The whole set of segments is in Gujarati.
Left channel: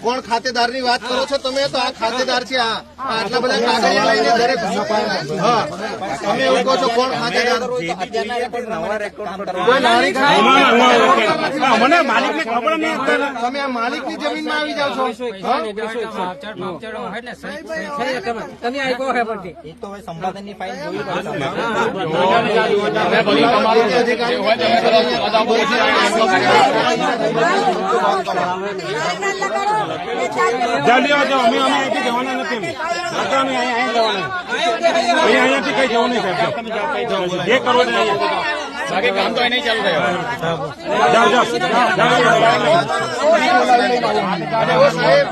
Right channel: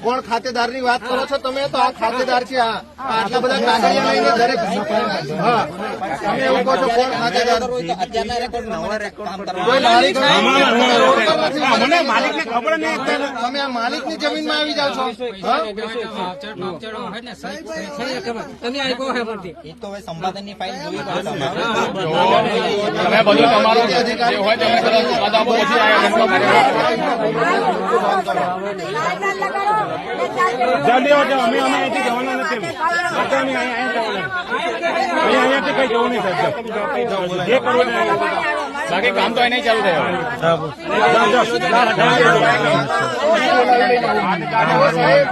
કોણ ખાતેદારની વાત કરો છો તમે તો આ ખાતેદાર છે આ આ આટલા બધા કાગળ લઈને દરેક હા તમે એવું કહો છો કોણ ખાતેદાર મને માલિકની ખબર નહીં તમે આ માલિકની જમીનમાં આવી જાવ છો તમે આપ્યો હવે સંપાદનની ફાઇલ જલ્દી આવજો અમે અમે અહીંથી જવાના નથી અહીંયાથી કઈ જવું નહીં સાહેબ જે કરો બાકી કામ તો અહીં ચાલુ થયું સાહેબ.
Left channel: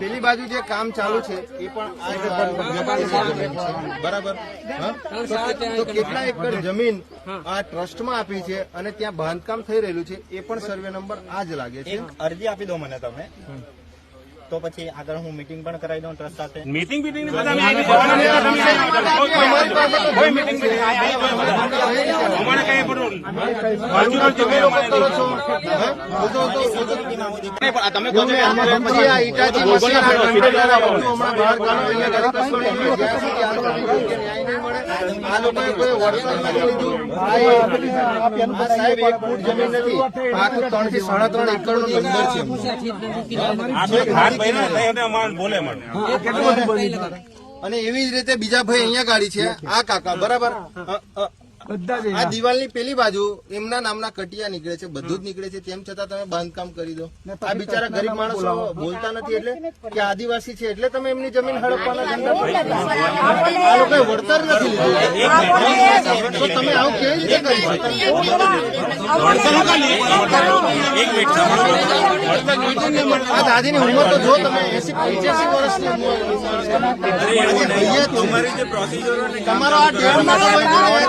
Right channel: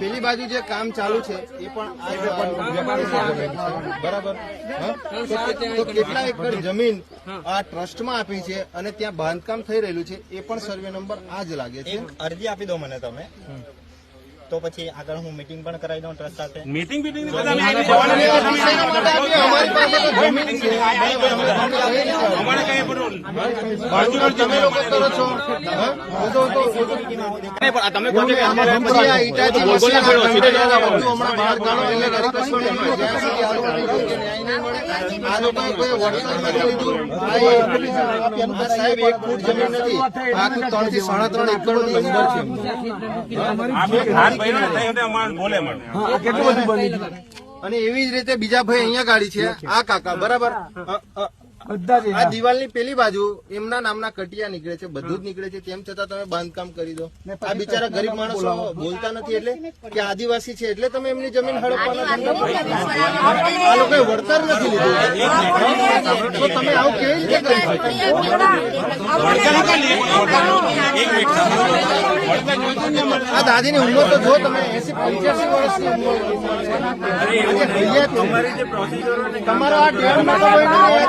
પેલી બાજુ જે કામ ચાલુ છે એ પણ બરાબર? તો કેટલા એકર જમીન આ ટ્રસ્ટમાં આપી છે અને ત્યાં બાંધકામ થઈ રહેલું છે એ પણ સર્વે નંબર આ જ લાગે છે અરજી આપી દો મને તમે તો પછી આગળ હું મીટિંગ પણ કરાવી દઉં ટ્રસ્ટ સાથે. મીટિંગ આ લોકો કોઈ વળતર નથી લીધું. સાહેબ એક ફૂટ જમીન નથી. આખું ત્રણથી સાડા ત્રણ એકર અંદર છે. અને એવી જ રીતે બીજા ભાઈ અહીંયા ગાડી છે આ કાકા બરાબર? આ દિવાલની પેલી બાજુ એમના નામના કટિયા નીકળે છે બધું જ નીકળે છે તેમ છતાં તમે બાંધકામ કરી દો. આ બિચારા ગરીબ માણસો બોલતા નથી એટલે કે આદિવાસી છે એટલે તમે એમની જમીન હડપવાના ધંધા આ લોકો વળતર નથી લીધું. તો તમે આવું કેવી રીતે કરી શકો? આ દાદીની ઉંમર તો જો તમે એસી પંચ્યાસી વર્ષની તમારો આ ડેમ ના તો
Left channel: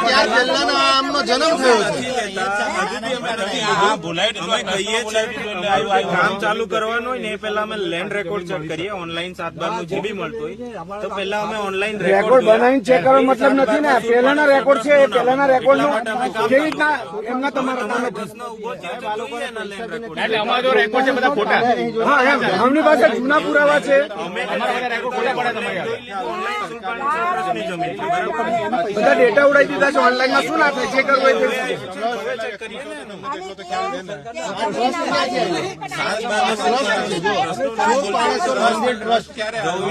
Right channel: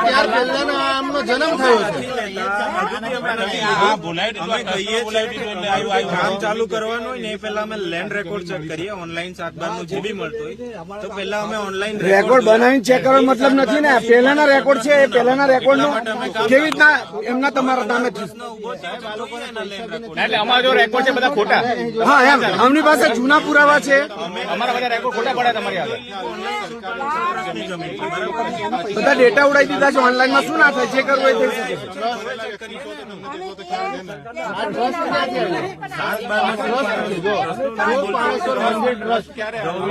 ત્યાર પહેલાનો જન્મ થયો છે. કામ ચાલુ કરવાનું હોય ને એ પહેલા અમે લેન્ડ રેકોર્ડ ચેક કરીએ. ઓનલાઈન સાત બારનું જે બી મળતું હોય. તો પહેલા અમે ઓનલાઈન રેકોર્ડ બનાવીને ચેક કરવાનો મતલબ નથી ને. પહેલાના રેકોર્ડ છે એ પહેલાના રેકોર્ડ કેવી રીતના એમના તમારા નામે હા એમ. એમની પાસે જૂના પુરાવા છે. બધા ડેટા ઉડાઈ દીધા છે. ઓનલાઈનમાં શું ના થાય? છે. Trust trust